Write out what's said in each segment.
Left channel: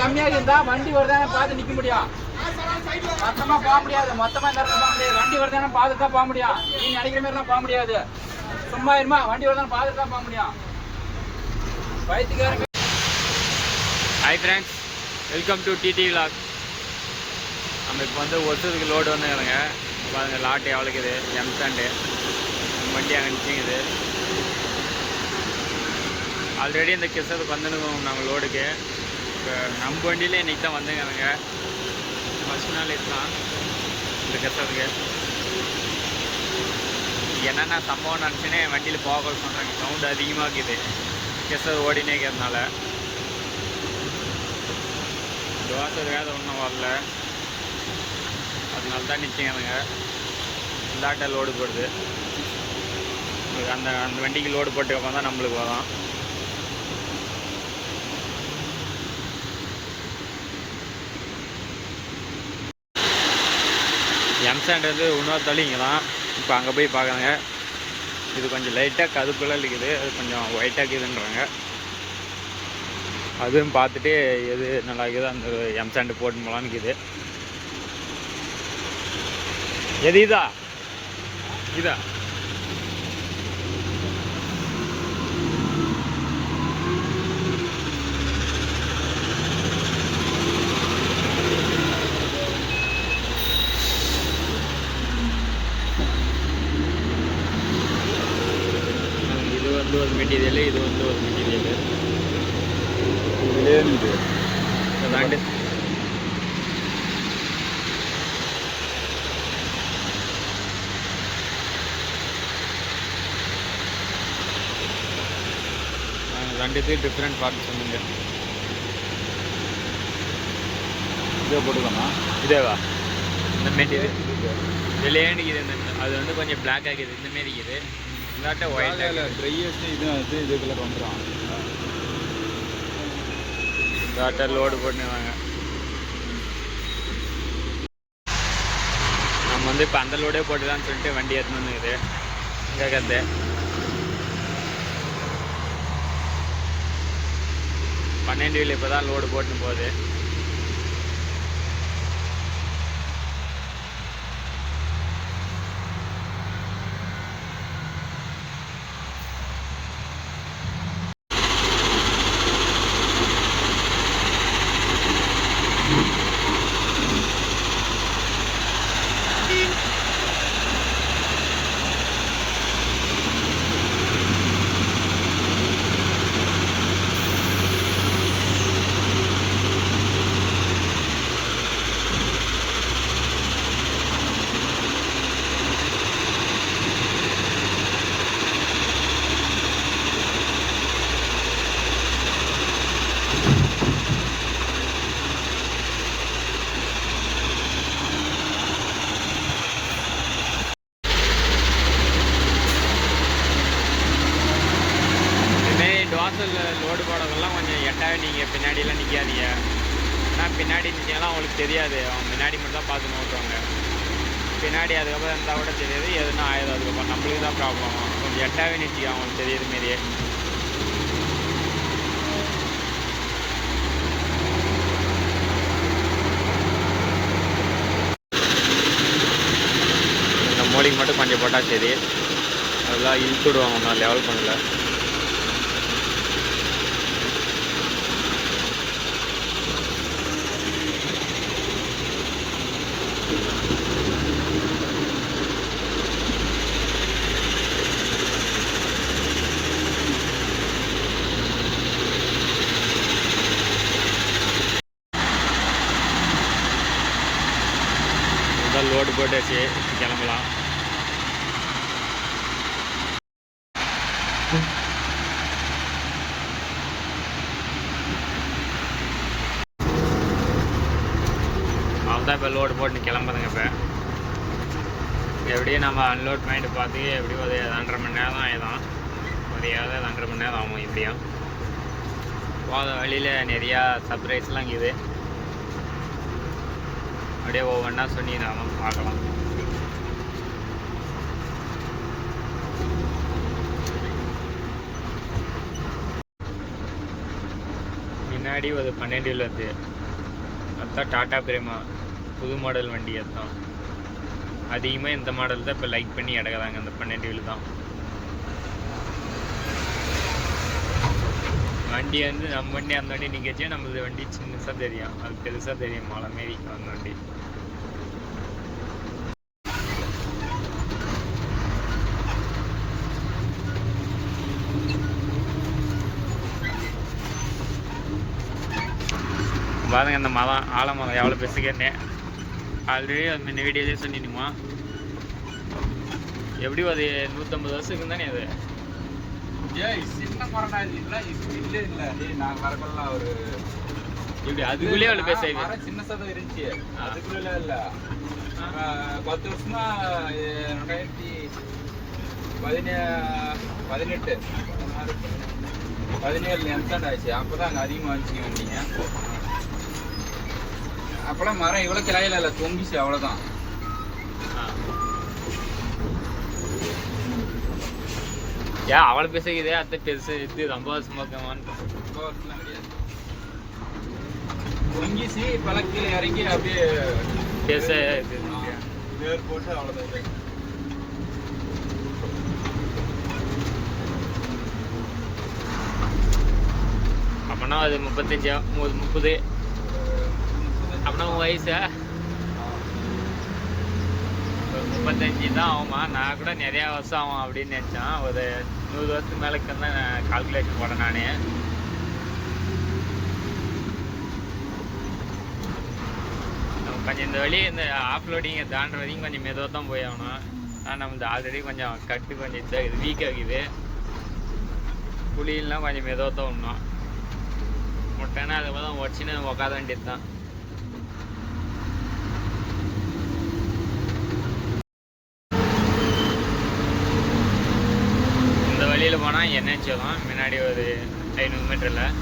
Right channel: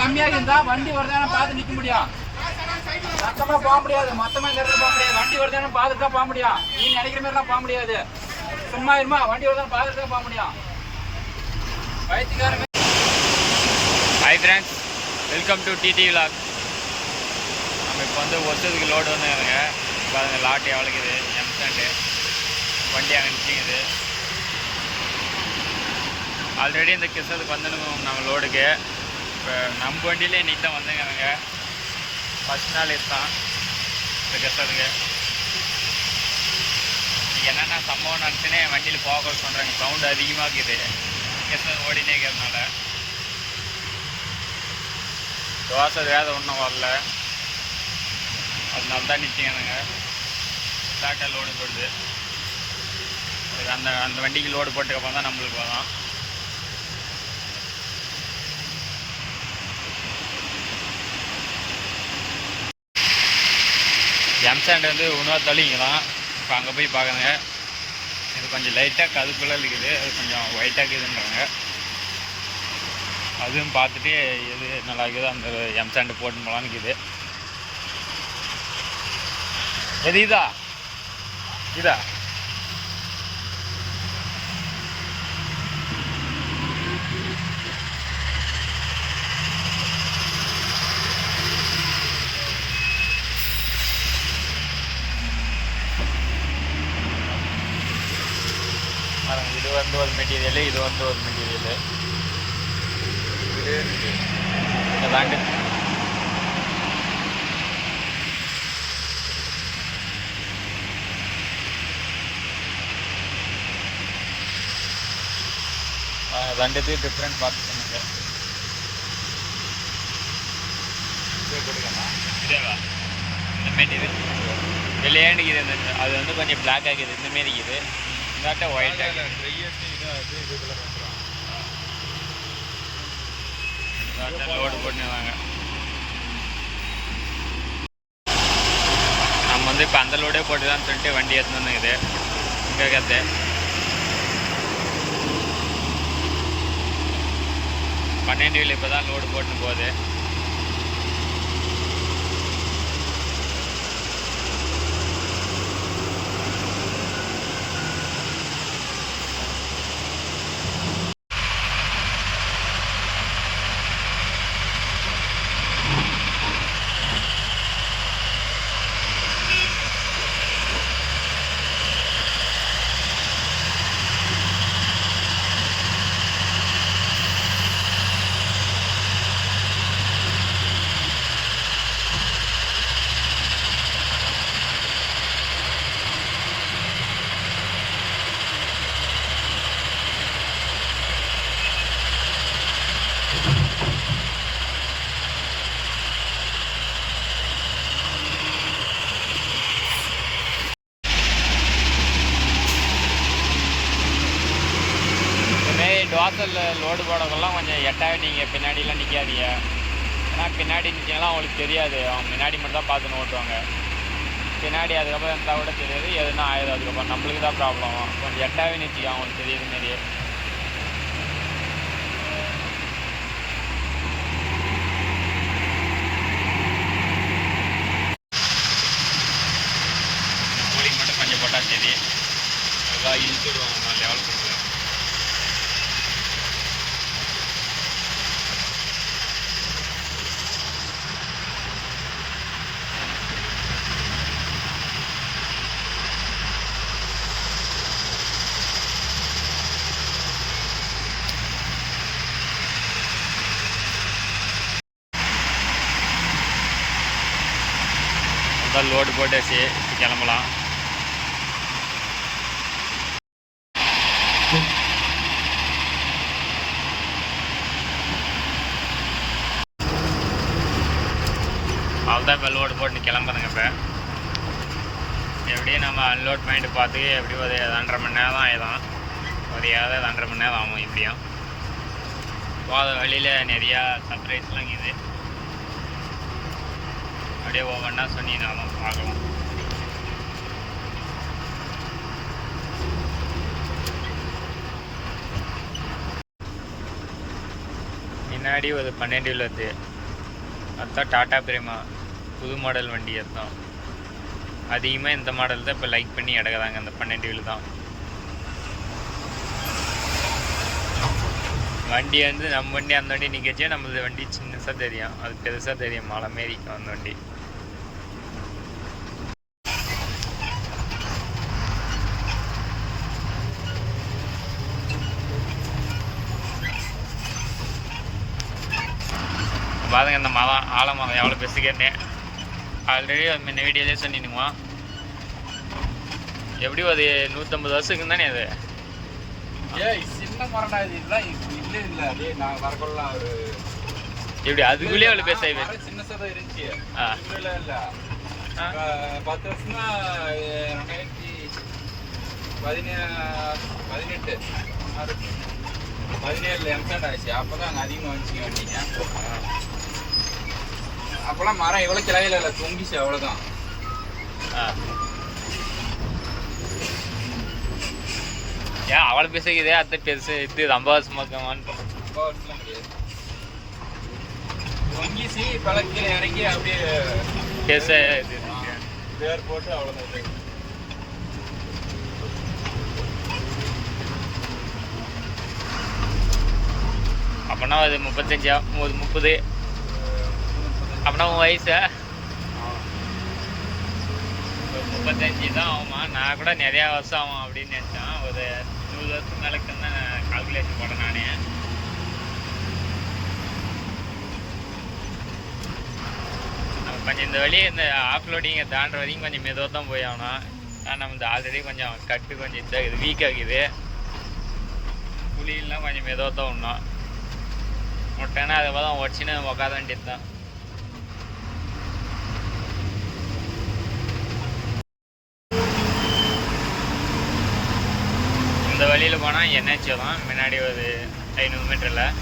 கம்மியாக இருந்தா வண்டி வருதானே பார்த்து நிக்க முடியும். மொத்தமா போக முடியாது, மொத்தமா இந்த இடத்துல போக முடியாது. வண்டி வருதானே பார்த்து தான் போக முடியும். நீ நினைக்கிற மாதிரி எல்லாம் போக முடியாது. சும்மா இருமா, வண்டி வருதானே பார்த்து தான் போக முடியும். வயிற்றுக்காரங்க. Hi friends, welcome to DD vlog. நம்ம இப்போ வந்து ஒருத்தருக்கு லோடு வந்துங்க. பாருங்க லாட்டு எவ்வளோக்குது, எம்சாண்டு வண்டி அங்கே நிற்கிங்குது. ஆல்ரெடி இந்த கிருஷ்ணத்துக்கு வந்துருக்கோம் நம்ம லோடுக்கு. இப்போ நம்ம வண்டியிலே இன்றைக்கி தான் வந்துங்க. ஃபஸ்ட் நாள் இதுதான் இந்த கிருஷ்ணத்துக்கு. என்னென்ன சம்பவம் நினச்சுன்னே வண்டியில் போக சொல்கிறாங்க. சவுண்டு அதிகமாக இருக்குது கிருஷ்ணது ஓடினே இருக்கிறதுனால. தோசை வேலை ஒன்றும் வரல, அதனால தான் நிற்கிங்க. இல்லாட்ட லோடு போடுது. உங்களுக்கு அந்த வண்டிக்கு லோடு போட்டுக்கப்புறம் தான் நம்மளுக்கு வரும். எம்சாண்ட் வந்து இன்னொரு தள்ளிங்களாம். இப்போ அங்கே போய் பார்க்குறேங்க. இது கொஞ்சம் லைட்டாக கதுக்குள்ளே இருக்குது, அது கொஞ்சம் ஒயிட்டாக இருக்குதுன்றாங்க. அதுவும் பார்த்துட்டு எது நல்லா இருக்குது அந்த எம்சாண்டு போட்டு போகலான்னு இருக்குது. எது இதா இதா இது வந்து ஒரு மெட்டீரியல், இது வந்து ஒரு மெட்டீரியல். அதாண்டு ரெண்டுத்துக்கு டிஃப்ரெண்ட் பார்த்து சொன்னீங்க. இதே போட்டுக்கோமா? இதேவா இந்த மெட்டீரியல் வெளியேண்டிக்குது. இந்த அது வந்து கொஞ்சம் பிளாக் ஆகிக்குது, இந்தமாரி இருக்குது. இந்தாட்ட ஒயிட் ஆகிடுது. இதுக்குள்ள பண்ணுறான். இந்தாட்ட லோடு போட்டுவாங்க. நம்ம வந்து இப்போ அந்த லோடே போட்டுதான்னு சொல்லிட்டு வண்டி எடுத்துன்னு வந்துக்குது. இங்கே கற்று 12 வீல் இப்போ தான் லோடு போட்டுன்னு போகுது. வாசலில் லோடு போடக்கெல்லாம் கொஞ்சம் எட்டாவே நீங்கள் பின்னாடிலாம் நிற்காதீங்க. ஏன்னா பின்னாடி நிற்கிங்கன்னா அவங்களுக்கு தெரியாது. அவங்க முன்னாடி மட்டும் தான் பார்த்துன்னு ஓட்டுவாங்க. பின்னாடி அதுக்கப்புறம் இருந்தால் கூட தெரியாது, எதுனா ஆயிடும். அதுக்கப்புறம் நம்மளுக்கு தான் ப்ராப்ளம். கொஞ்சம் எட்டாவே நிற்கிங்க, அவங்களுக்கு தெரியுற மாரியே. இந்த மூலிகை மட்டும் கொஞ்சம் போட்டால் சரி. அதெல்லாம் இழுத்து விடுவாங்க ஒன்றும் லெவல் பண்ணல. லோடு போட்டாச்சு, இப்போ கிளம்பலாம். அவ்வளோதான், இப்போ லோடு போட்டு கிளம்புதுங்க. இப்போ எப்படியும் நம்ம அன்லோட் பண்ணிட்டு பார்த்து எப்படியும் ஒரு 2.5 மணி நேரம் தான் ஆயிடும். ஒரு 2.5 மணி நேரம் ஆகும். இப்படியும் போகிற வழியில் நிறையா சர்ப்ரைஸ்லாம் இருக்குது. அப்படியே ஒவ்வொன்றா சொல்லி நாம் பார்க்கலாம். முன்னாடி ஒரு 12 வருது. அதுதான் டாடா பிரேமா புது மாடல் வண்டி. அதுதான் அதிகமாக இந்த மாடல் தான் இப்போ லைக் பண்ணி எடுக்கிறாங்க. அந்த 12 வீல் தான் வண்டி வந்து நம்ம வண்டி அந்த வண்டி நிற்கச்சே நம்மளது வண்டி சின்னதாக தெரியும், அது பெருசாக தெரியும் மலை மாரிக்கும் அந்த வண்டி. பாருங்க இந்த மரம் ஆலமரம் எவ்வளோ பெருசுக்கேன்னு ஆல்ரெடி முன்ன வீடியோலேயே சொன்னினுமா. எப்படி அது 150 வருஷத்துக்கு தானே அது. சின்ன மரம் இல்லை நான் வரலாம் ஒரு எப்படி அதுக்குள்ளேயே அவ்வளோ பெருசாகி சின்னதாக தான் இருந்துச்சு. அதுக்குள்ள இல்லை 10 வருஷமா 2017 எம்சாண்ட் ஆயிடுச்சு. அப்போதான் அங்கே அதிகமாக வந்துச்சு வண்டிங்க. அப்போல்லாம் மரம் இவ்வளோ கிளையில இல்லை, தொங்கிச்சு அவ்வளோதான். ஏன் அவ்வளோ பெருசுக்குதே அத்தை பெருசு இது 50 வருஷமா இருக்கமான்னு. 50 வருஷம்லாம் கிடையாது, தொங்கிச்சு பழக்கில் இறங்கி அப்படியே பெருசாக இது வேர் போட்டு அவ்வளோதான். அப்படின்னா அது 35 30 அப்படின்னா உன் வயசு 35 தான் ஆகுமா? நான் கூட நிறையா வருஷம் ஆகும் அப்படின்னு நினச்சேன். ஒரு 100 வருஷத்துக்கு மேலே தான் கால்குலேஷன் போட்டேன் நான். நம்ம கொஞ்சம் இந்த வழி இந்த ஆஃப்லோடிங்கை தாண்டுற வரைக்கும் கொஞ்சம் மெதுவாக தான் போய் ஆகணும். ஆனால் நம்மளது ஆல்ரெடி கொஞ்சம் கட்டு கொஞ்சம் இதாகுது, வீக் ஆகுது. புளியெல்லாம் கொஞ்சம் மெதுவாக தான் விடணும். முட்டைன்னா அதை தான் உடச்சின்னு உட்கார வேண்டியது தான். இந்த வழியில் போனால் என்ஹெச் தான் முன்னாடி ஒரு 500 மீட்டரில்.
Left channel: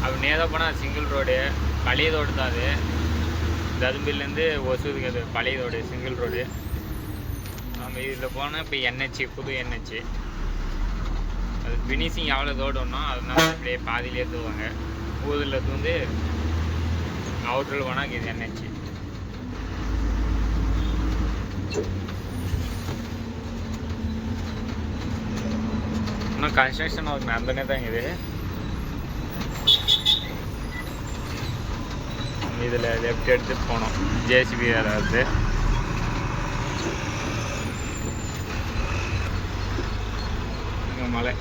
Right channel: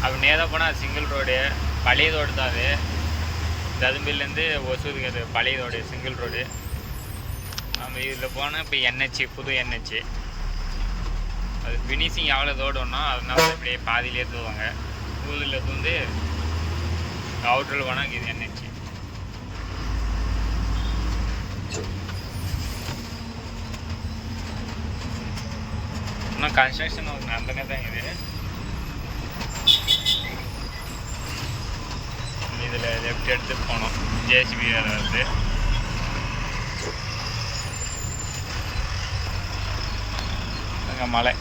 அப்படி நேராக போனால் சிங்கிள் ரோடு, பழைய ரோடு தான் அது. தரும்பிலேருந்து ஒசூருக்கு அது பழைய ரோடு, சிங்கிள் ரோடு. நம்ம இதில் போனால் இப்போ என்ஹெச், புது என்ஹெச். அது ஃபினிஷிங் எவ்வளோ ரோடு ஒன்றும் அதனால இப்படியே பாதியிலே தூவாங்க. ஊரில் தூந்து அவுட்டரில் போனால் இது என்ஹெச். இன்னும் கன்ஸ்ட்ரக்ஷன் ஒர்க் நடந்துனே தான் இது. நம்ம இதில் லெஃப்ட் எடுத்துட்டு போனோம், ஜேசிபி வேலை வருது. அங்கே மலை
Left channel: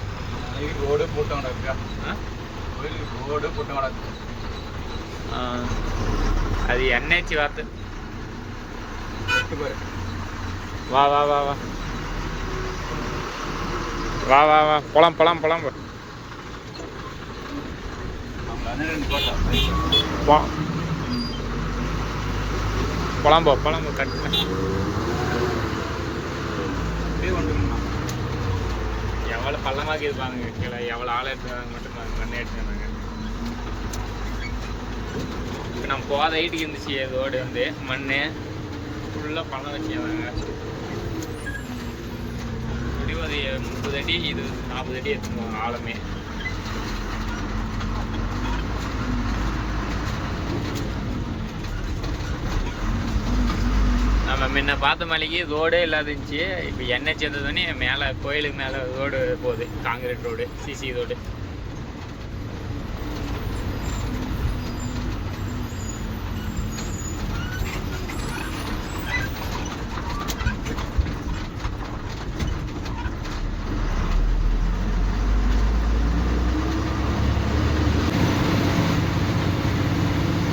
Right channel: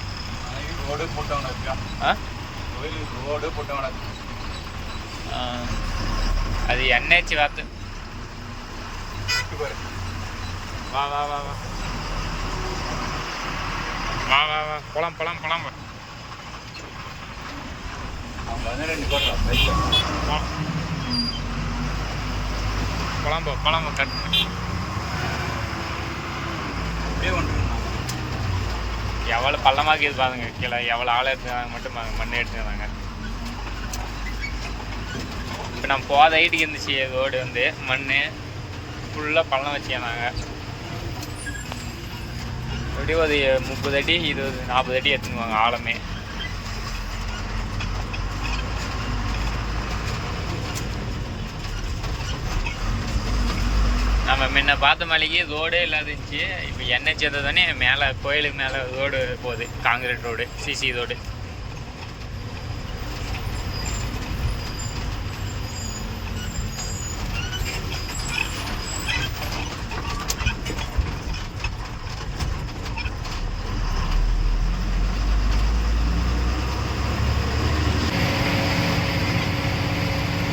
ரோடு போட்டு இருக்கா. ரோடு போட்டு அது என்ஹெச் வார்த்தை. வா வா வா வா வா வா வா போலாம் போலாம் போலாம் போலாம் போலாம் கட். எவ்வளோ பள்ளமாக இது பாருங்க, கீழே எவ்வளோ ஆழம் எடுத்துக்கிறாங்க மட்டும் மண்ணை எடுத்துக்கிறாங்க. இப்போ நம்ம போத ஹைட்டுக்கு இருந்துச்சு ரோடு வந்து மண் ஃபுல்லாக பள்ளம் வச்சுக்கிறாங்க. எப்படியும் ஒரு 30 அடி 20 40 அடி எடுத்துக்குவாங்க ஆழமே. நம்ம முன்ன பார்த்த மலைக்கு ரோடே இல்லாத இருந்துச்சு. இப்போ என்ஹெச் தானே மேலே கோயிலுக்கு மேலே ரோடு போகுது, காங்கிரீட் ரோடு, சிசி ரோடு.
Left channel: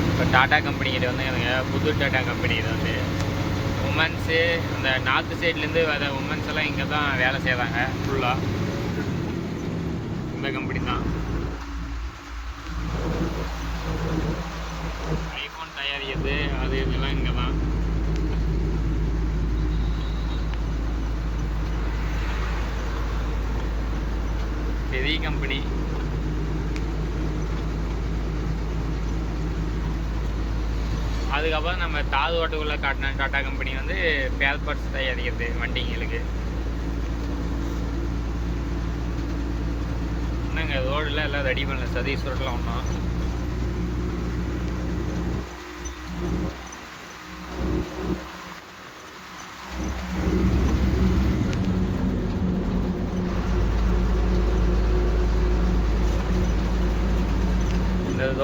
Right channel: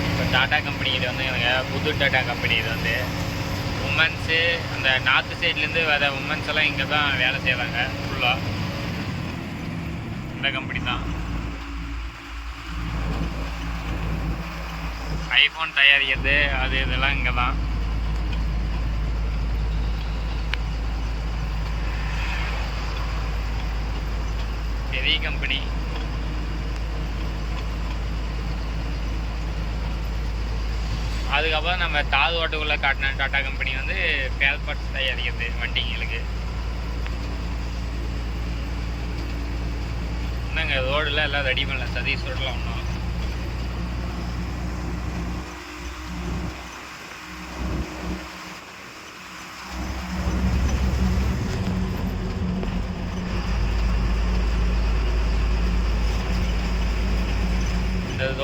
இப்போ டாடா கம்பெனி இது வந்து எனக்கு புது டாடா கம்பெனி இது வந்து உமன்ஸு அந்த நார்த்து சைட்லேருந்து வர உமன்ஸ் எல்லாம் இங்கே தான் வேலை செய்வாங்க ஃபுல்லாக. இந்த கம்பெனி தான் ஐஃபோன் தயாரிக்கிறது, அது இதெல்லாம் இங்கே தான். பெரிய கம்பெனி. அதுக்கப்புறம் நம்ம தாது ஓட்டுக்குள்ளே காட்டின டாடா கம்பெனி வந்து ஸ்பேர் பார்ட்ஸ் தயாரிக்கிறது வண்டிங்களுக்கு. இன்னுங்க ரோடில் எல்லாம் ரெடி பண்ணல, சதீஷ் ரோட்டில் ஒன்றும்.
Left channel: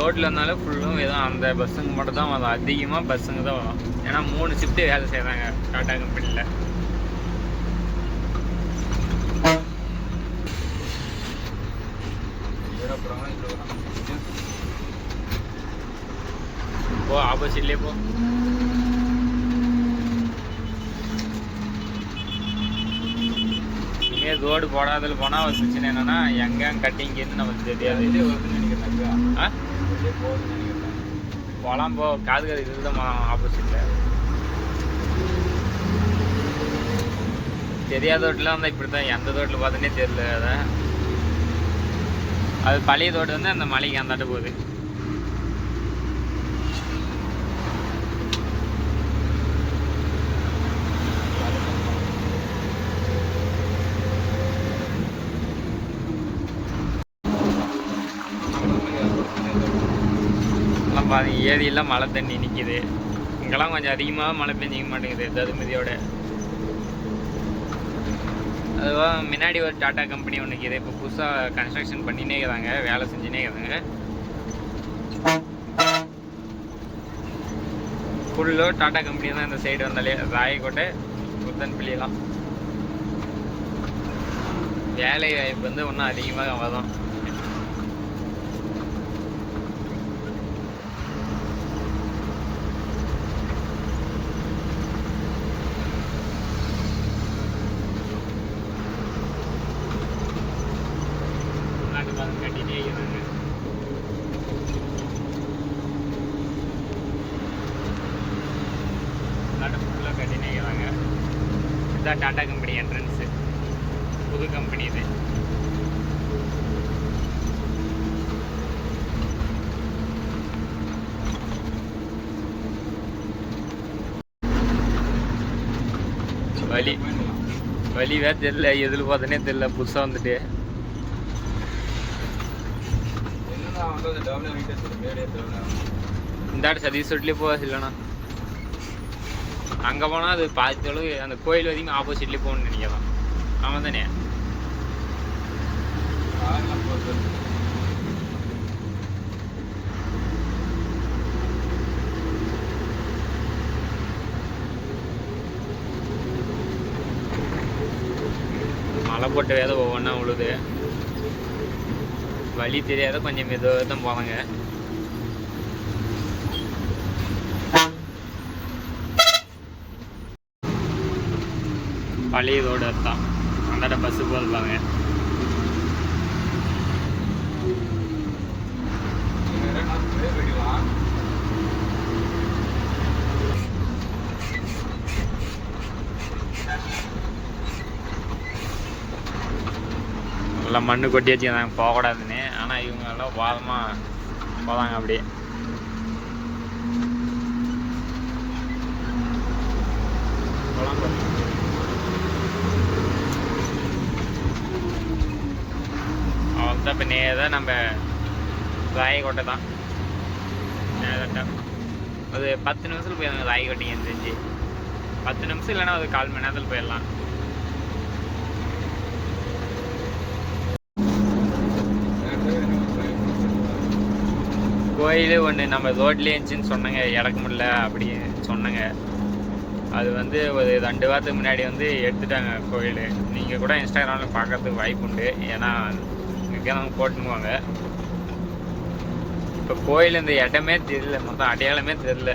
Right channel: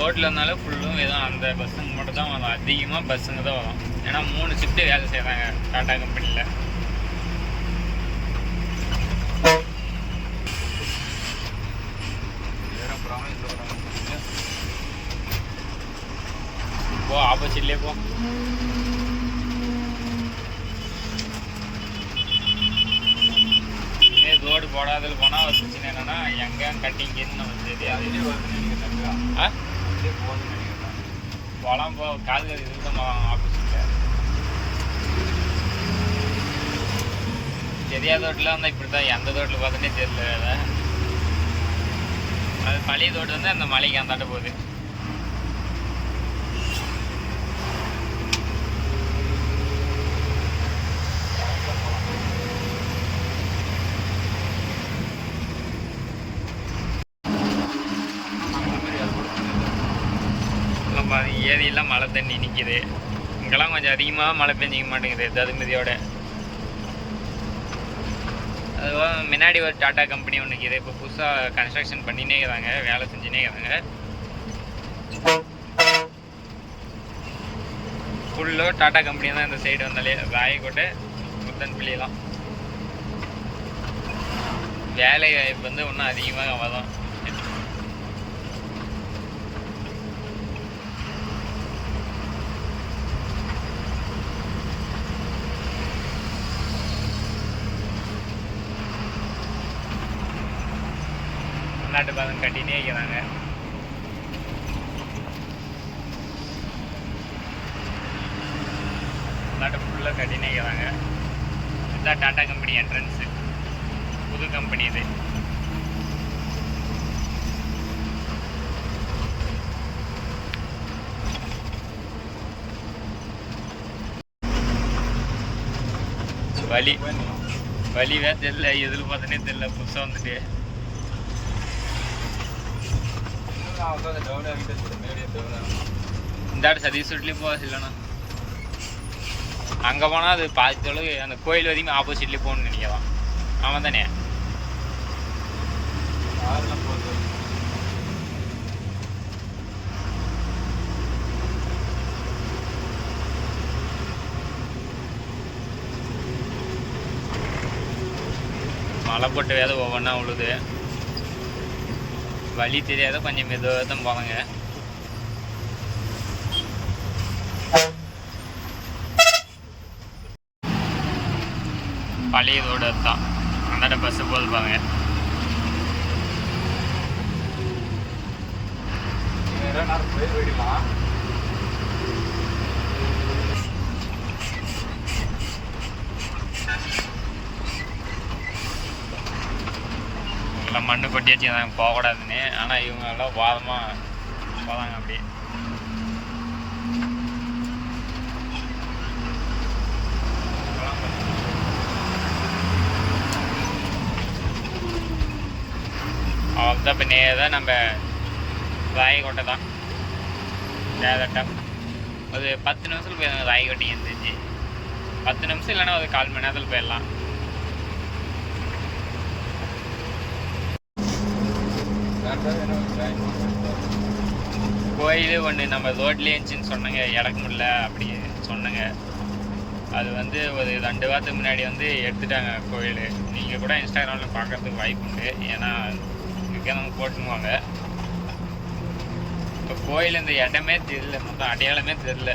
லோட்டில் இருந்தாலும் ஃபுல்லும் எதுவும் அந்த பஸ்ஸுங்க மட்டும் தான் வரும். அதிகமாக பஸ்ஸுங்க தான் வரும். ஏன்னா 3 ஷிஃப்ட்டு வேலை செய்கிறாங்க டாடா கம்பெனியில். போ ஆப்போசிட்லேயே போ. இனிமேல் ரோடு போடாதல் போனால் ஒரு பிரச்சனை என்னென்னா எங்கே கட்டிங்கன்னு நமக்கு தெரியாது. போகலாம் போ, காது இது தான் ஆப்போசிட்டில். தெரியாத ரோட்டில் வந்தால் இப்படி தான், எந்த ரோட்டில் பார்த்தோன்னே தெரியல. அது பழைய ரோடு வந்து அந்த மலைக்கு அந்தாட்ட போகுது. பாதி ஏரியெல்லாம் மழை தண்ணி நிற்கிது. இங்கெல்லாம் கொஞ்சம் அதிகமாக மழை பெஞ்சிக்க மாட்டேங்குது தருமதியோட. அதுவாக முன்னாடி ஒரு டாட்டா கம்பெனி ஒன்று இருக்குது. இப்போ புதுசாக கன்ஸ்ட்ரக்ஷன் பண்ணினே இருக்கிறாங்க, வேலை செஞ்சுனே இருக்கிறாங்க. ஃபுல்லோ டாட்டா கம்பெனி தான் இந்த சைடு வந்தாலே. ராயக்கோட்டை முத்தன்பள்ளியெல்லாம் வேலை வாய்ப்பு வந்து ஒன்றும் அதிகமாக வரும். நாட்டு பாதம் கட்டினே இருக்கிறாங்க. நாட்டு ஃபுல்லாக கட்டினே இருக்கிறாங்க. இதுதான் டாட்டா கம்பெனி என்ட்ரன்ஸு, புது கம்பெனி இது. வழிவே தெரியல, எதில் பார்த்தோன்னே தெரியல. புதுசாக வந்துட்டு இந்த ஆடு சதீஷ் வீட்லேயே போக இல்லைண்ணா. அங்கே போனால் அது பாதி அளவு அந்த கோயில் வரைக்கும் ஆப்போசிட்லேயே போகணும்னு நினைக்கலாம். ஆமாம் தானே? மழை போட்டு வேத ஒவ்வொன்றா உழுது. வழி தெரியாத கொஞ்சம் மெதுவாக தான் போவாங்க. பழைய ரோடு தான் அந்தாட்ட பஸ்ஸு போது பாருங்க. எல்லாம் மண்ணு கொட்டி வச்சுருந்தாங்க போகக்கூடாதுன்னு. ஆனால் இவங்க எல்லாம் வாதமாக போதாங்க அப்படியே. அவள் தான் இப்போ நேராக நம்ம ராயக்கோட்டை தான் நேரட்டா ஒரு 10 நிமிஷத்தில் போயிடுங்க. ராயக்கோட்டைக்கு எழுந்திரிச்சு 10 நிமிஷம் இல்லைன்னா ஒரு 1/4 மணி நேரத்தில் போயிடலாம். கோயில் ஒன்று நம்ம ரோட்லேயே இருந்துச்சின்னு சொன்னாங்க, இறக்க முடியல அப்படின்னு சொன்னாங்க. அது வந்து ஒரு 2 வாரத்துக்கு முன்னாடி வந்து எடுத்துட்டாங்க கோயில். நீங்கள் கூட இன்ஸ்டாகிராமில் பார்க்கறதுக்கு வாய்ப்பு உண்டு, ஏன்னா முக்கியமாக போட்டுக்குவாங்க. இப்போ கோயில் இந்த இடமே தெரியல, மொத்தம் அடையாளமே தெரியல.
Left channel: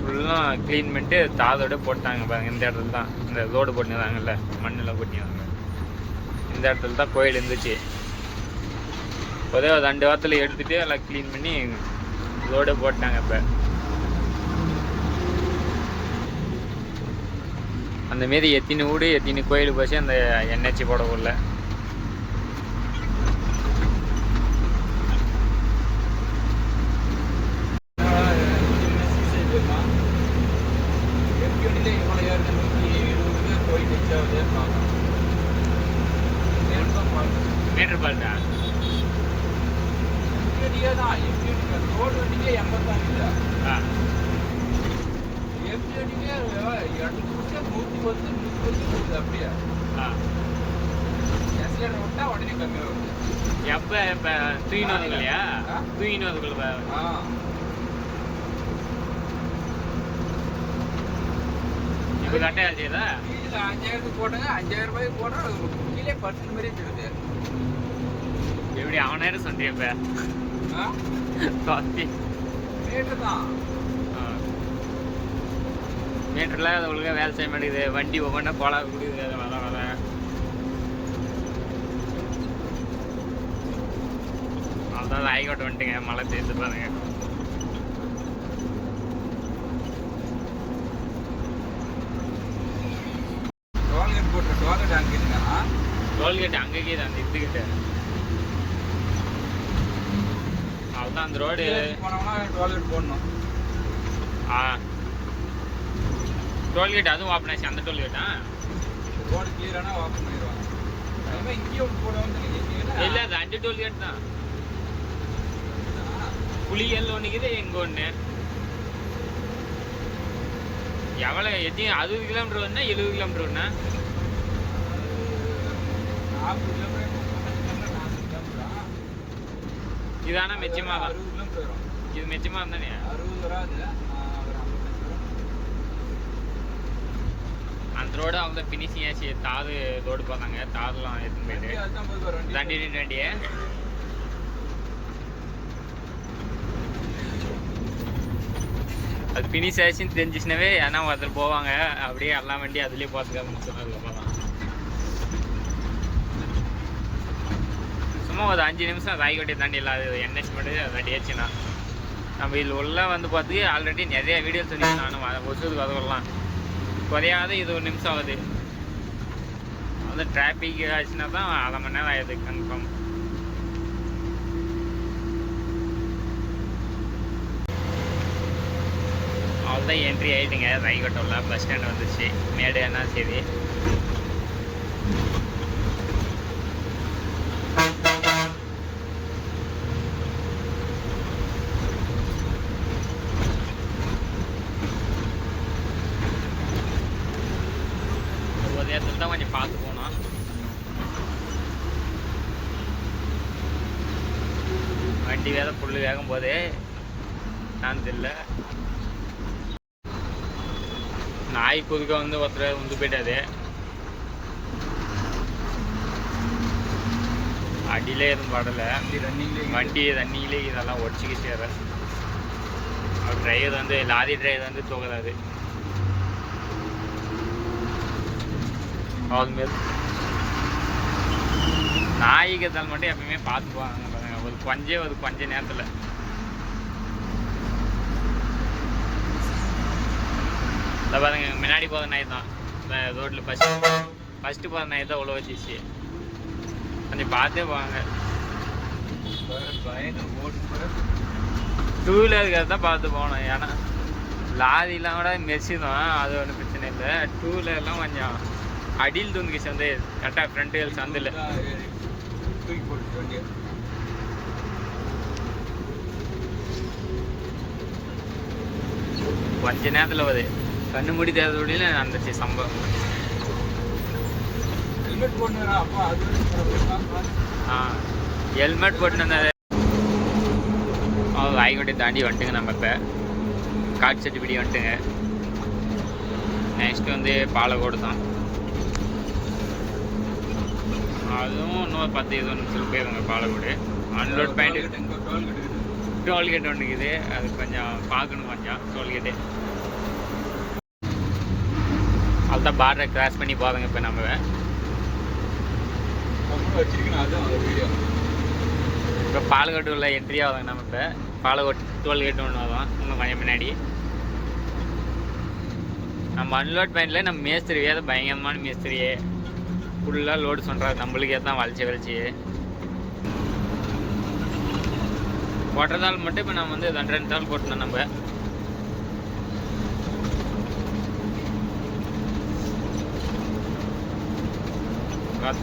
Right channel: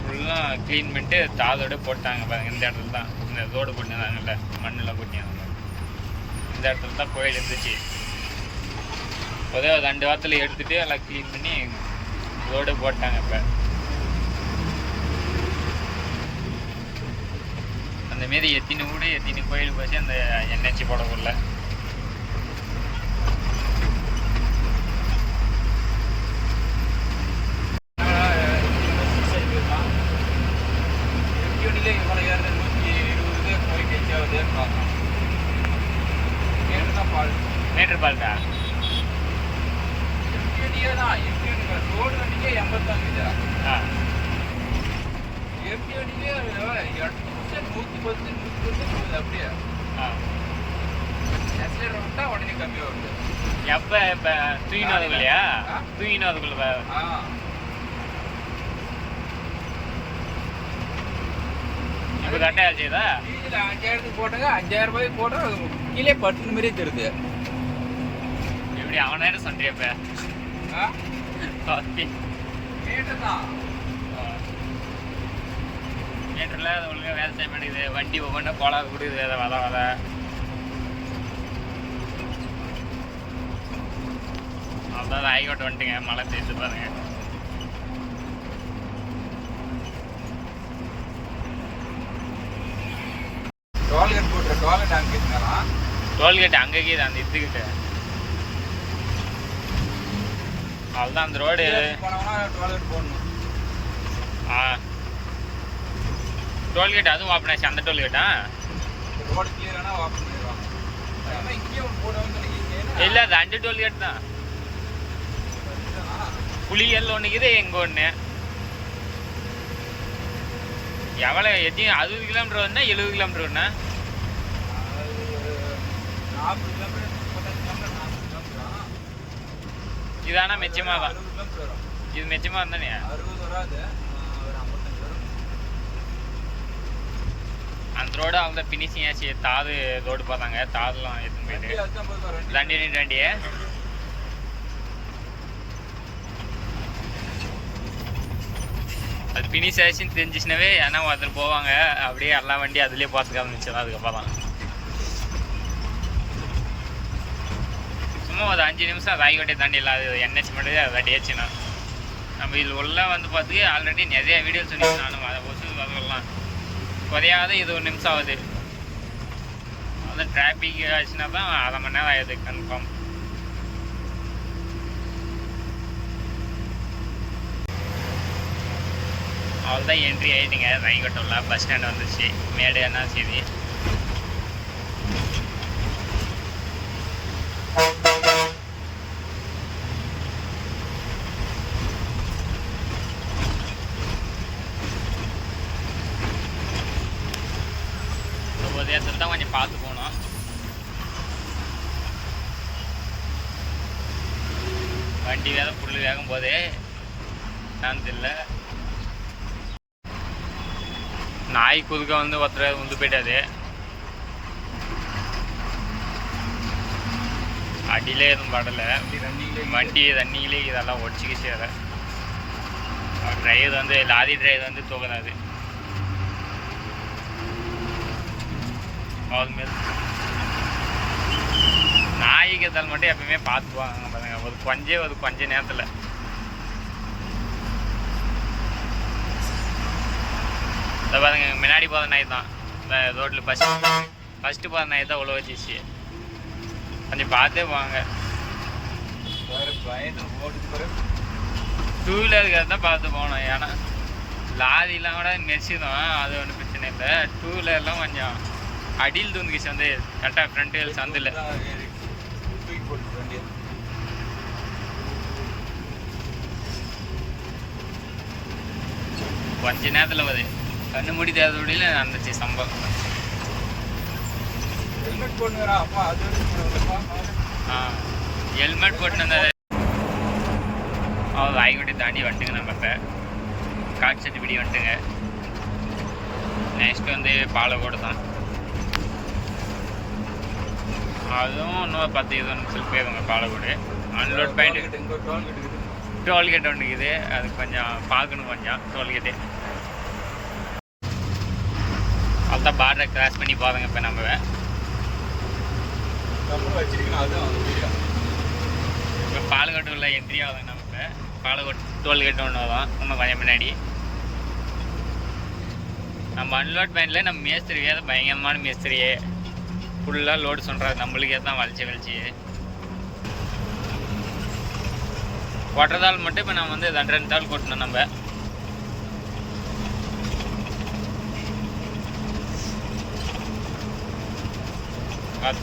ஃபுல்லாக க்ளீன் பண்ணிட்டு தாதோடு போட்டாங்க பாருங்க. இந்த இடத்துல தான் இந்த ரோடு போட்டுருந்தாங்கல்ல, மண்ணில் போட்டிருந்தாங்க. இந்த இடத்துல தான் கோயில் இருந்துச்சு. ஒரே ஒரு 2 வாரத்தில் எடுத்துகிட்டு எல்லாம் க்ளீன் பண்ணி ரோடு போட்டாங்க. இப்போ அந்தமாரி எத்தினி வீடு எத்தினி கோயில் போச்சு அந்த என்ஹெச் போடக்குள்ள. மீட்டர் பால்டா அப்படியே எஸ்லேட்டர் விட்டா உடனே கம்மி வருது. எப்போ இப்போ தூக்கின்னு வரதுக்குள்ளையா? தூக்கின்னு வரதுக்குள்ள இப்போ கரெக்டாக செய்யுதா? இல்லை 5000 போட்டாங்க, 5000 ரூபாய்க்கு போட்டு கீழே பட்டு மாதிரியே தெரியுது. இப்படி அவனாயிரம் சொல்றியப்ப மீட்டர் தான். மீட்டரில் அது ஒழுங்காக வேலை செய்ய மாட்டேங்குது. வண்டி ஒவ்வொன்றா கோலாக கொடுக்குது. அதை வத அதான் ஹைகோட்டை வந்துட்டுங்க. மழை சேர்த்து பாருங்க. டோல்கேட் போட்டுற டோல்கேட் அங்கே இருந்தாலும் டோல்கேட் அங்கேயே தான் அந்த இதுக்கிட்ட. அதுதான் அந்த ரோடு டோல்கேட் போடணும். டோல்கேட் அதுவும் ஓப்பன் ஆச்சு. அந்த டோல்கேட்டா ரோடு கிளியரானா ஓப்பன் பண்ணிடுவாங்க. இங்கேயும் ஒரு போடுவாங்க. இல்லை அது அண்டு டோல்கேட் தான். புளியல் ஒன்றுக்குது, எங்கே ஒன்று. எவ்வளோ எத்தையும் 60 கிலோமீட்டர் வந்தா 70 கிலோமீட்டர் ஒன்றா? 40 கிலோமீட்டர் இதானா மெச்சமாக தான். 60 கிலோமீட்டர் வரும். இது மெச்சமாக இருந்தானே 60 வராது, ஒரு 55 வரும். அந்த ரோடு அவங்க ஃபினிஷிங் ஆச்சு. தாது ரோடு பார்த்தாங்க. தாதுலாம் எடுத்துன்னு போயிட்டு தண்டி அது ஃபினிஷ் ஆச்சுன்னு தெரிஞ்சிச்சுனாவே ஏன்னா அதில் போவாங்க. அப்படியே எல்லா வண்டி அதுலேயே பார்த்துக்க ஆரம்பிச்சிடும். அதுக்கப்புறம் தான் சும்மா ஒரு 5 நிமிஷம் அது ஆகிவட்டியை தாண்டி இல்லாது என்ஹெச் மட்டும் அதை அடியாச்சுன்னா நம்ம இதில் உள்ள வந்து பார்த்துக்கு ஆல்ரெடி நிறைய வீடியோ சொல்லியிருக்கேன் நானும். அதை ஒசுக்கு அதுக்கெல்லாம் குறையாத இது 1 நிமிஷம் ஆகுது. அது டிராஃபிக் ஆச்சுன்னா தான் 1/2 மணி நேரம் ஆகுது கன்ஃபார்ம். அவ்வளோதான் என்ட்ரி ஆகிட்டுங்க. ரைகோட்டோவில் பஸ் ஸ்டாண்ட் வந்துச்சு. மேடு என்ன சரி ஒவ்வொரு இடத்துல தான் கொஞ்சம் பார்த்து போகணும். வண்டி வேலை புல் வேகும் போது நான் தெரியல. நாய் குதுக்க வந்து ஒருத்தர் உந்து போயிட்டாது. அடியிலே எதுவும் படலை. வண்டி ரன்னிங்லேயே இதெல்லாம் ஒடிச்சிக்கிச்சு. அதை அவர் டிரைவர் வந்து லாரி டிரைவர் வந்து தூக்குறாரு. அதுமாரி நாய்க்கு எதால் மட்டும் எப்பவுமே பார்த்துக்குவாங்க பாருங்க. ஒரு கொஞ்ச நேரத்தில் இந்த பாருங்க முன்னாடி போகிற நாய் தான். இந்த ரோட்டில் ஃபஸ்ட்டு போகிற நாய் தான் உள்ள வச்சிச்சு. கொஞ்சம் பார்த்தே போவாங்க. 2 வீலருக்கு தான் பார்த்து போகணும். ஏன்னா லாரிலாம் கூட மெரிச்சிடும். அது ஒன்றும் பிரச்சனை இல்லை. 2 வீலர்லாம் கொஞ்சம் அடியில் தூந்துக்கிச்சு. வந்து கரெக்டாக ஃப்ரண்ட் வீல் சந்தில் கொஞ்ச நேரத்தில் வருது. கண்ணு மூடி தேர்தலில் நடந்துச்சு சம்பவம். ஹெல்மெட் போட்டு அப்பா அது ஹெல்மெட் போட்டு வந்தது. அவர் ராய்கோட்டை தாண்டி வந்துட்டுங்க. நம்ம இப்போ காட்செட்டுப்பிடி வந்துட்டுங்க. நெக்ஸ்ட்டு வந்து பாலக்கோடு தான். அதுவும் இன்னும் 10-20 நிமிஷத்துக்கு போயிருவாங்க பாலக்கோடு. அன்லோட் பாயிண்ட் டோல்கேட் ஒன்று இருக்குது. அதுக்கு கொஞ்சம் பார்க்கணும். கொஞ்சம் டோல்கேட்டு அதுதான் பார்டரை கிராஸ் பண்ணி போகிறோங்க. இப்போ நம்ம இப்போ பாலக்கோட்டு உள்ள என்ட்ரி ஆகுதுங்க. நம்ம இப்போ பாலக்கோட்டு டோல்கேட் ஒன்று வரும் இன்னும் கொஞ்சம் முன்னாடி. நம்ம அன்லோட் பாயிண்டில் நம்ம மேஸ்திரி வேறு பயங்கரமான மேஸ்திரியே ஃபுல்லாக லோடு சொல்கிறாரு. நம்மளுக்கே தான் வலிச்சு கொட்டுறதால் மட்டும் இப்போ நம்ம வந்து 2 தாள் கொட்டணும். நம்ம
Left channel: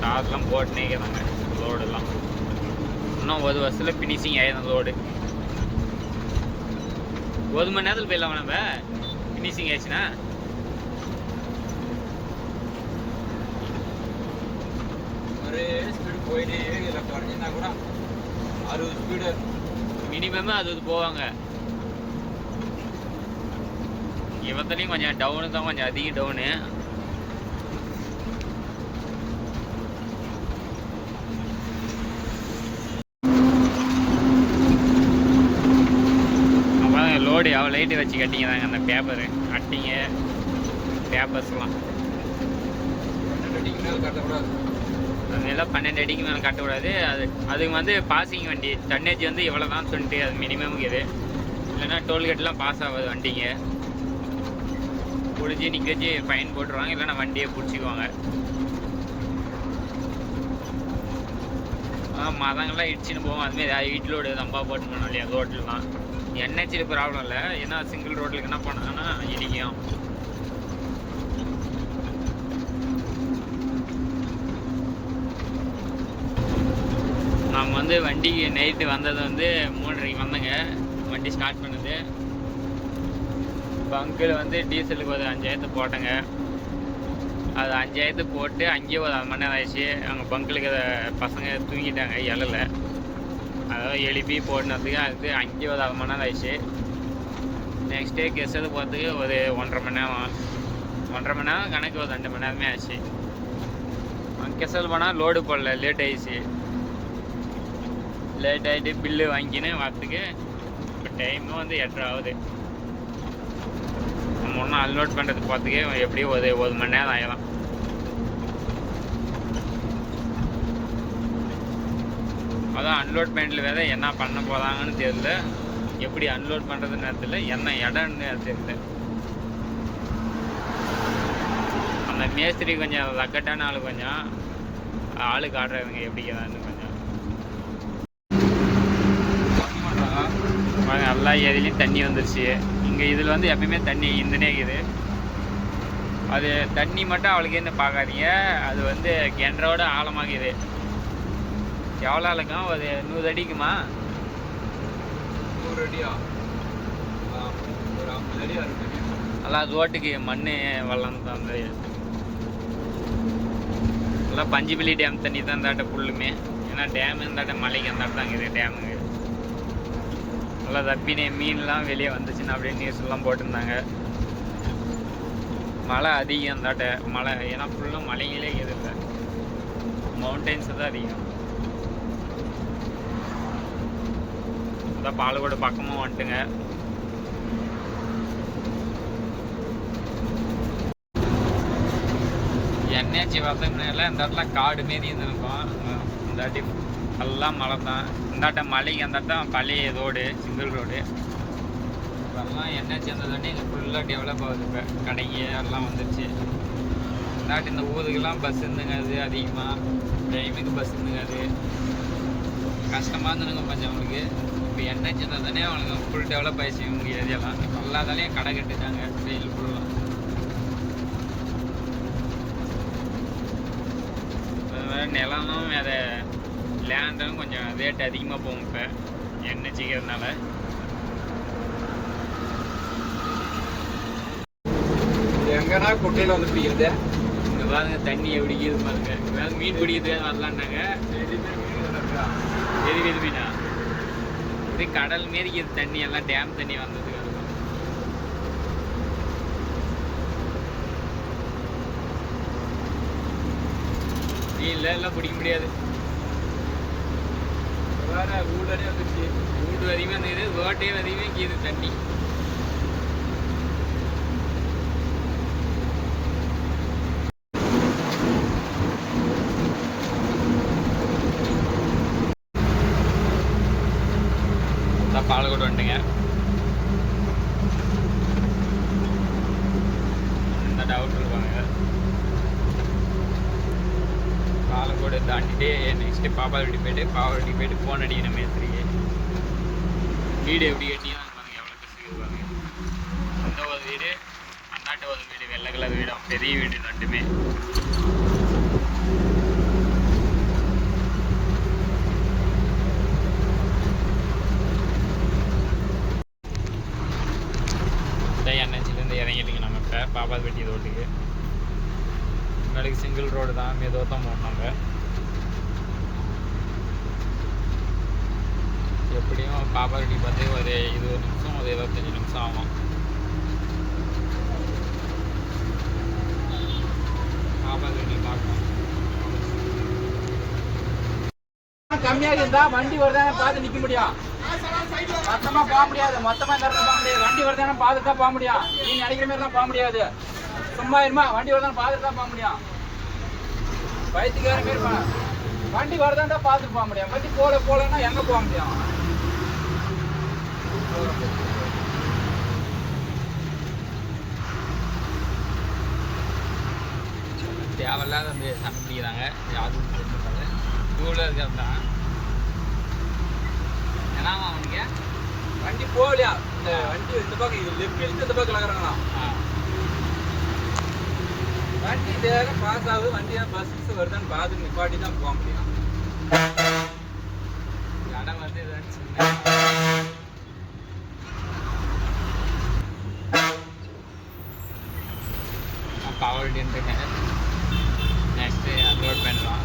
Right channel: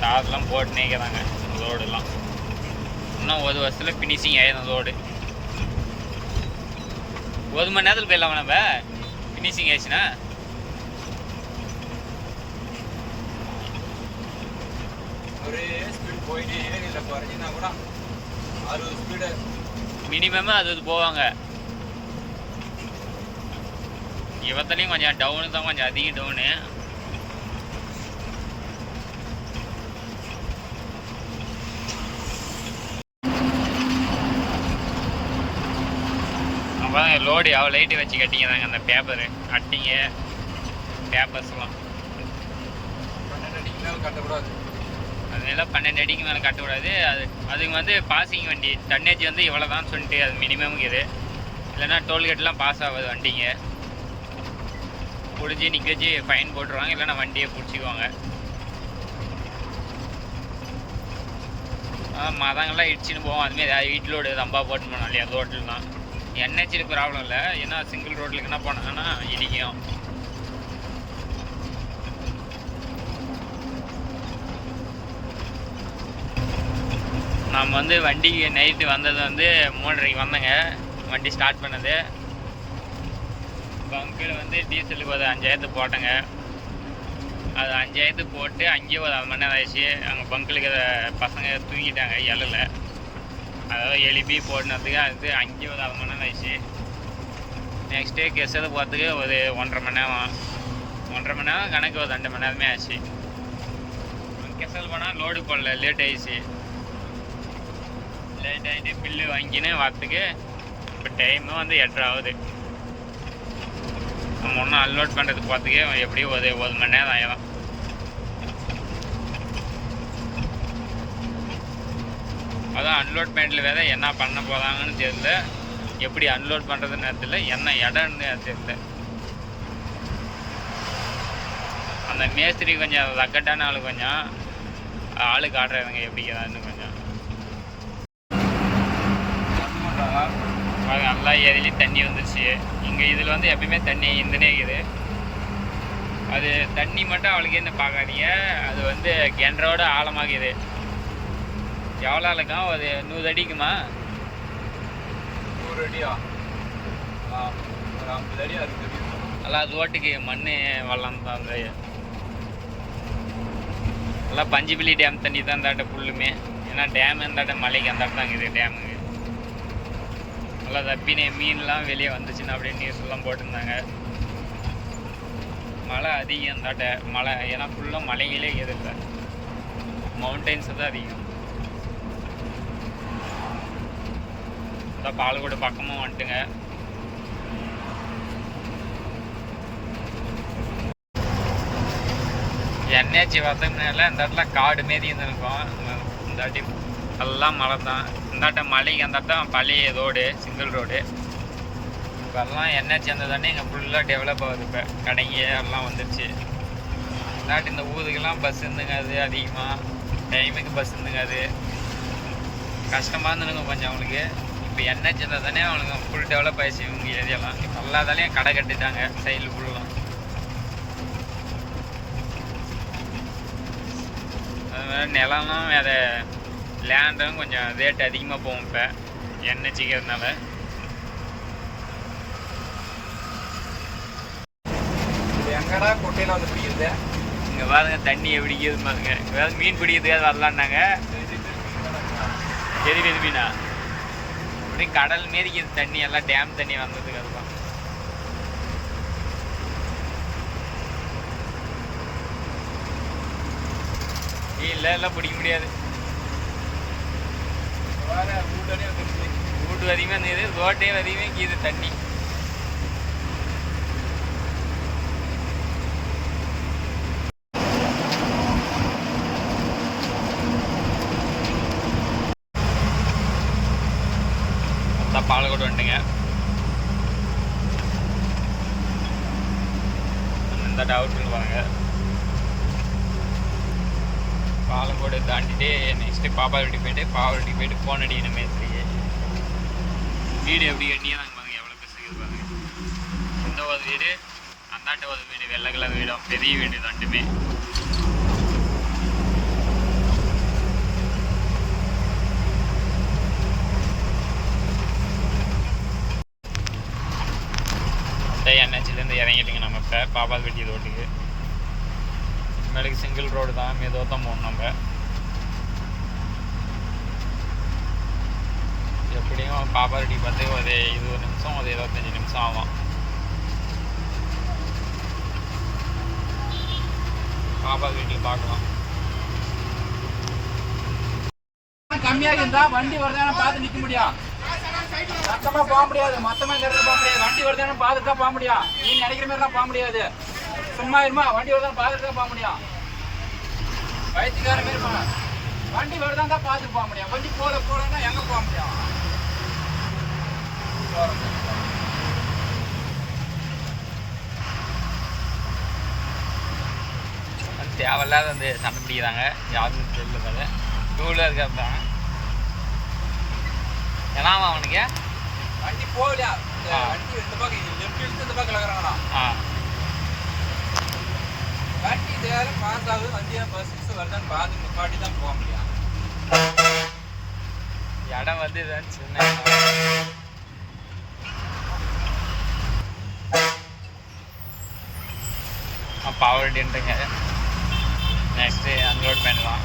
தார்லாம் போட்டுனே இருக்கிறாங்க. லோடுலாம் இன்னும் 1 வருஷத்தில் ஃபினிஷிங் ஆயிடும். லோடு 1 மணி நேரத்தில் போயிடலாமா நம்ம ஃபினிஷிங் ஆயிடுச்சுன்னா? ஒரு ஒரே ஸ்பீடு போயிட்டே இதில் குறைஞ்சினா கூட 60 ஸ்பீடு மினிமம் அது போவாங்க. இவத்துலேயும் கொஞ்சம் டவுனு தான், கொஞ்சம் அதிக டவுனு. அப்போ லோடு எவ்வளோ லைட்டு வச்சு கட்டிக்கிறாங்க அந்த பேப்பரு அட்டிங்க பேப்பர்ஸ்லாம். 12 அடிக்கு மேலே கட்டக்கூடாது. அதெல்லாம் 12 அடிக்கு மேலே கட்டக்கூடாது. அதுக்கு வந்து பாசிங் வண்டி டன்னேஜ் வந்து இவ்வளோ தான் சொல்லிட்டு அது மினிமம் இது. இல்லைன்னா டோல்கேட்லாம் பாஸ் ஆகாது வண்டிங்க. பிடிச்சி நிற்க வச்சு ஃபைன் போட்டுருவாங்க, இல்லைன்னா வண்டியை பிடிச்சிக்குவாங்க. மதங்கள்லாம் இடிச்சுன்னு போவோம். அதுமாரி வீட்டு லோடு தம்பா போட்டு போனோம் இல்லையா ரோட்லாம். என்ஹெச்சில் ப்ராப்ளம் இல்லை, ஏன்னா சிங்கிள் ரோட்டில் என்ன போனாங்கன்னா இடிக்கும். நம்ம வந்து வண்டிக்கு நைட்டு வந்தது வந்து 3:30 வந்தேங்க. வண்டி ஸ்டார்ட் பண்ணது பங்கில் வந்து டீசலுக்கு ஒரு 5000 போட்டேங்க. அது 5000 போட்டு அங்கேயே ஒரு 1/2 மணி நேரம் ஆயிடுச்சு. அங்கே பங்கிலுக்கு பசங்க தூங்கிட்டாங்க எழல. அதாவது எழுப்பி போட்டுனதுக்கு அது அங்கேயே ஒரு 1/2 மணி நேரம் ஆயிடுச்சு. நெக்ஸ்ட் டே கெஸ்ஸது போகிறதுக்கு ஒரு 1.5 மணி நேரம், 1.5 மணி நேரம் கணக்கு ஒரு 2 மணி நேரமே ஆச்சு. கெஸ்ஸல் போனால் லோடு போடல, லேட் ஆயிடுச்சு. லேட் ஆகிட்டு பில்லு வாங்கின்னு வரத்துக்கு இப்போ டைமு வந்து 8:30 ஆகுது. நம்ம ஒன்றும் அன்லோட் பண்ணுறது பார்த்துக்கே எப்படியும் ஒரு 1 மணி நேரம் ஆகிடும். அதான் அன்லோட் பண்ணிட்டு வேற என்ன பண்ண போகிறாங்கன்னு தெரியல, எப்படி அன்லோட் பண்ணுறதுன்னு தெரியல, என்ன இடம்னு தெரியல. அந்த மேஸ்திரி கொஞ்சம் ரக்கட்டான ஆளு, கொஞ்சம் ஆளுக்கு ஆடுறவங்க எப்படிங்கிறான்னு கொஞ்சம் நல்லா ஏரியிலையும் தண்ணி வந்துருச்சு. இங்கே இதில் வந்து எப்பயுமே தண்ணி இருந்துனே இருக்குது. அது தண்ணி மட்டும் அவளுக்கு என்ன பார்க்காதீங்க, அது வந்து கிணறோட ஆழமாகுது. எவ்வளோ இருக்கும்? ஒரு 100 அடிக்குமா? 100 அடியா? ஒரு 50 அடியா இருக்குது. நல்லா ரோட்டுக்கு மண் வெள்ளம் தான். அந்த நல்லா பஞ்சுபிலி டேம் தண்ணி தான் இந்தாட்ட ஃபுல்லுமே. ஏன்னா டேம் இந்தாட்ட மலைக்கு அந்தாட்ட தான் இருக்குது டேமுக்கு. நல்லா தப்பினே மீன்லாம் வெளியே வந்துச்சுன்னா அப்படின்னு நியூஸ்லாம் போட்டிருந்தாங்க. மழை அதிகம் அந்தாட்ட மழை, ஏன்னா ஃபுல்லாக மலைகளே எதிர்ல மவுண்டெயின்ஸு தான் அதிகம். அதான் பாலக்கோடு பக்கமும் வந்துட்டுங்க. என்ஹெச் வரதுனால இந்த இடத்துல காடு மாரி இருந்திருக்கும். இந்த வாட்டி எல்லாம் மழை தான். இந்தாட்ட மலைக்கு அந்தாட்டம் பழைய ரோடு, சிங்கிள் ரோடு. இப்போல்லாம் என்ஹெச் வந்ததானே இங்கே ஃபுல்லாக டெவலப் ஆகுது. இப்போ கடைங்க எல்லாம் வந்துடுச்சு. இந்தாட்டி இந்த ஊருக்கெல்லாம் பஸ் இருந்துங்காது, அதிகமாக டைமுக்கு பஸ் இருந்துங்காது, கஷ்டமாக இருந்துங்க கொஞ்சம் அவங்களுக்கு. இப்போ என்ஹெச் வந்ததானே அவனுக்கு ஃபுல் டெவலப் ஆயிடுச்சு இவங்க ஏரியாலாம். இப்போ எல்லாத்தாலையும் கடை கட்டிட்டாங்க சைடில் ஃபுல்லும். நிலம்லாம் வேறு லேண்டும் கொஞ்சம் ரேட் அதிகமாக போகும் இப்போ என்ஹெச்சிக்கிறதுனால. எங்கடா குட்டையில் வந்து பிடிக்கிறது? இங்கே பாருங்க தண்ணி எப்படி இருக்குது பாருங்க. வேறு மீன் பிடிக்கிறதுக்காக வரலான்னாங்க. எது மீனா அப்படியே கடல் மாரிக்குது தண்ணி, எல்லாம் டேம் தண்ணி வந்ததுக்கு. அதுதான் மீன்ல எல்லாம் பிடிக்க முடியாது. வீட்டு அதிகமாக இருந்தது, ரோட்டே அதிகமாக கீது தண்ணி. அதான் பாலக்கோடு வந்துட்டுங்க. இந்த டவுட் இருப்பாங்க. பாலக்கோடு தாண்டிட்டு நெக்ஸ்ட்டு பாப்பாவட்டி போயிட்டு ஃபோன் அடிக்கணும் மேஸ்திரிக்கு. வீடு எப்படி கட்டியா நாங்கள் பாருங்க, எவ்வளோ கஷ்டம் பாருங்க. இந்த ஒரு வீடு, அந்தாட்ட ஒரு வீடு, வெள்ளை கலர் வீடும், பெரிய வீடு ரெண்டுமே. என்ஹெச்சிலேருந்து இறங்கிட்டுங்க நம்ம இப்போ பாப்பாவட்டி ரோட்டுக்கு. மேலுக்கு சிங்கிள் ரோடு தான், மெதுவாக தான் போகணும் நம்ம. எப்படியும் பாப்பா ரெடி பார்த்து ஒரு 20 நிமிஷம் ஒரு 25 நிமிஷம் ஆகும். பாப்பா வீட்டில் பார்க்கலாம். கம்மியாக இருந்தா வண்டி வருதானே பார்த்து நிக்க முடியும். மொத்தமா போக முடியாது. மொத்தமா இந்த இடத்துல போக முடியாது. வண்டி வருதானே பார்த்து தான் போக முடியும். நீ நினைக்கிற மாதிரி எல்லாம் போக முடியாது. சும்மா இருமா. வண்டி வருதானே பார்த்து தான் போக முடியும். வயிற்றுக்கார மாரி பண்ண. வண்டி வருதான் தான் பார்த்து போக முடியும். வண்டி போலன்னா எங்க போக முடியும்? தேவையில்லாத வந்து சண்டை பிடிக்கிறாங்க. யாருக்கும் தெரியல. டூவில் இருக்க தான் ஏன்னா அவனுக்கு வண்டி போகலையா? வண்டி இந்த பக்கம் இந்த பக்கம் இருக்கிறாங்களா? வண்டி இதே பாஸ் ஆகுது. வண்டியா பஸ் வருதான்னு பார்த்து நிப்பாட்டி தான் போக முடியும். இடம் வந்து இதான் சின்ன பவர் டின்ட்டுங்க. நெக்ஸ்ட்டு அன்லோட் பண்ணிடலாம்.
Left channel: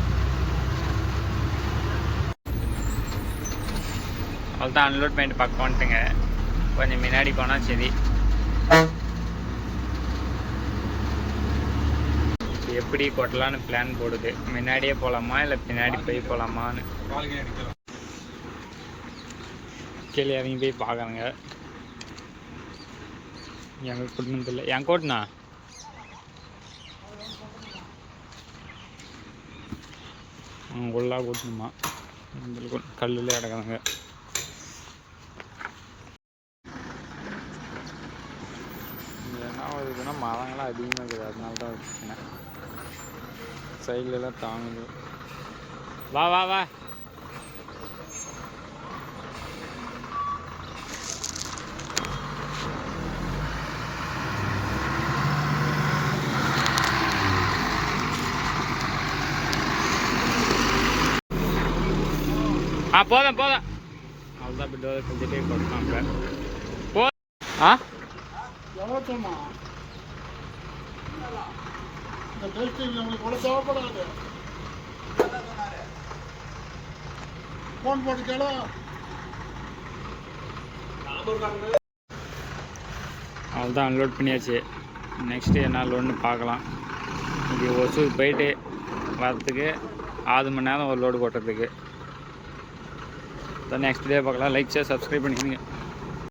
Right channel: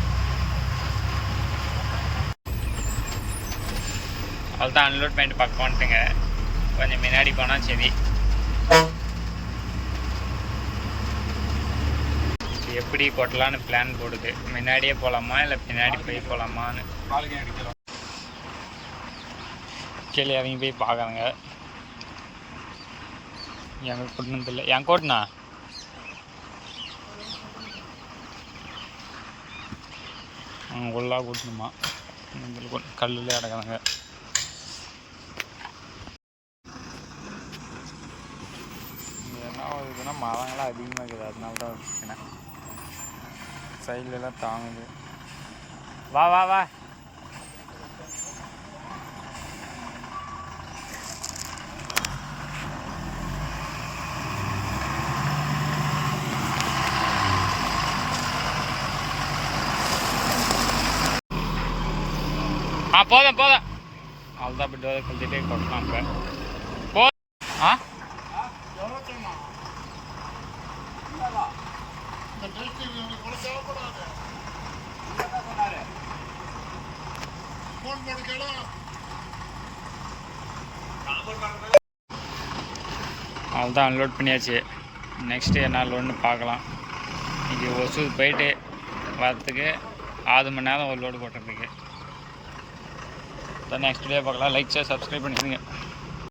அவ்வளோதான் அன்லோட் பண்ணிட்டு பக்கம் வந்துட்டுங்க. கொஞ்சம் முன்னாடி போனால் சரி. எப்படி கொட்டலான்னு பிளான் போடுது. முன்னாடியே போகலாமா இல்லை பின்னாடி போய் போகலாமான்னு கீழே இறங்கி போய் பார்க்குறேங்க. எங்கே கூட்டினதில்லை. என் கோட்டினா உள்ளா கூட்டணுமா? கல்லுல கிடக்குறாங்க. என்ன இதுன்னா மரங்களாம் அதிகமாக இருக்குது. அதனால தான் பிரச்சனை. சைட்லலாம் தாங்குது. வா வா வா. போதும் அவ்வளோதான். அப்படி டோரை கழிச்சிட்டே கொடுக்கலாம். இப்போ அவ்வளோதான் அன்லோட் பண்ணியாச்சு. நெக்ஸ்ட்டு என்ன லோடுன்னு பார்க்கலாம். இது ஒசூர் போயிட்டு வரத்துக்கு 6 மணி நேரம் ஒரு லோடு கொட்டுறதுக்கு. நெக்ஸ்ட் வீடியோ பார்க்கலாம். லைக் ஷேர் சப்ஸ்கிரைப் பண்ணிடுங்க.